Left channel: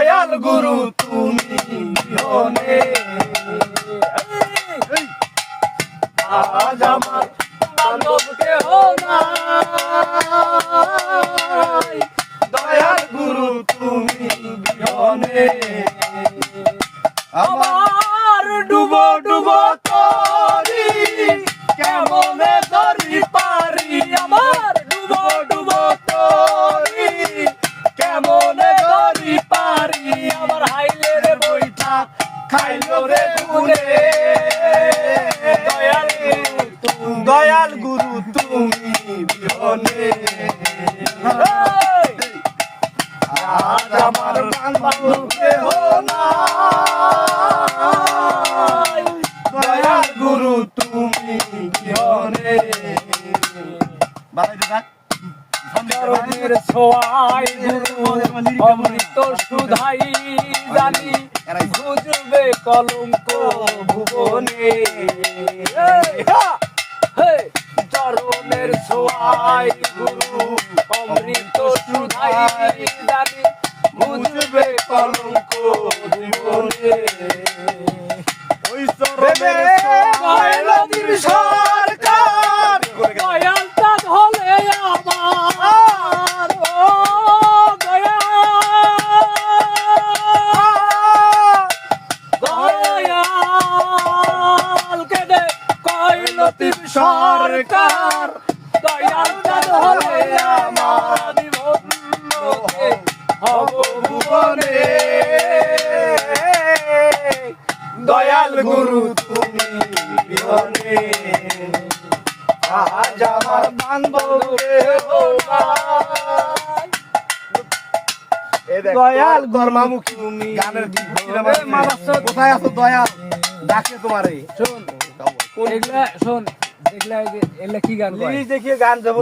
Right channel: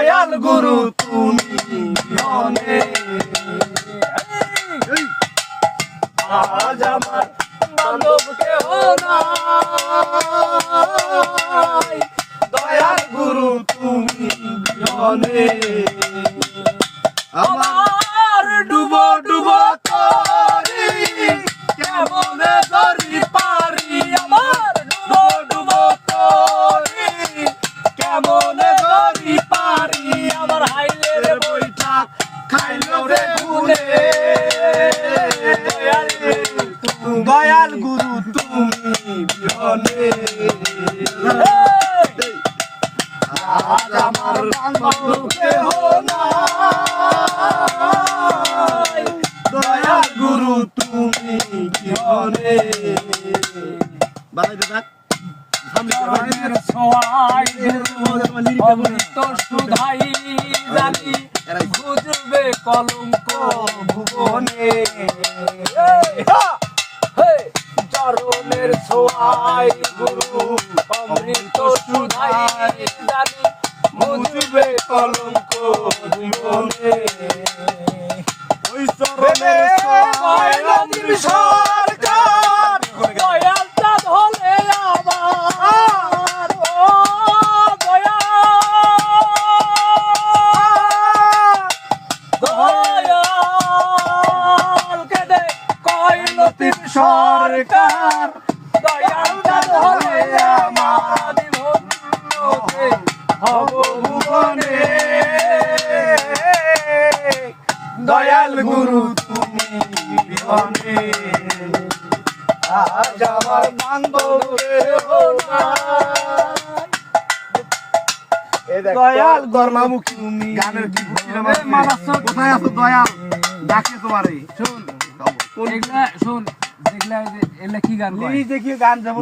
দয়াল গুরু তুমি বিহনে আজ আমার বান্ধব কেহ নাই, দয়াল গুরু তুমি বিহনে আমার ডুবো ডুবো তরি কেমনে ধরি পারি, আমার ডুবো ডুবো তরি কেমনে ধরি পারি, আমার হাইলে রে বইটা খাইলো রে ভুলে, দয়াল গুরু তুমি বিহনে আজ আমার বান্ধব কেহ নাই, দয়াল গুরু তুমি বিহনে বাড়াইতে থাক চরণের ছোঁয়ায় অমৃত সুধাই জানি বুঝবে কলঙ্ক ভুবনে, চরণের ছোঁয়ায় গুরু অমৃত সুধাই জানি বুঝবে কলঙ্ক ভুবনে, ওই চরণের ছোঁয়ায় সরকার দয়াল চাঁদ হলে আমার ও দয়াল কেদে কইল তিন সরকার, দয়াল চাঁদ হলে আমার হব ভুবনে, দয়াল গুরু তুমি বিহনে আজ আমার বান্ধব কেহ নাই, দয়াল গর্মামুখী তুমি গানের কি কোথায় আছো দয়াল ডাকে তোমারে শোন এগুলা শোন দেখলা এগুলা কি গান দেখিয়ে গান যাব।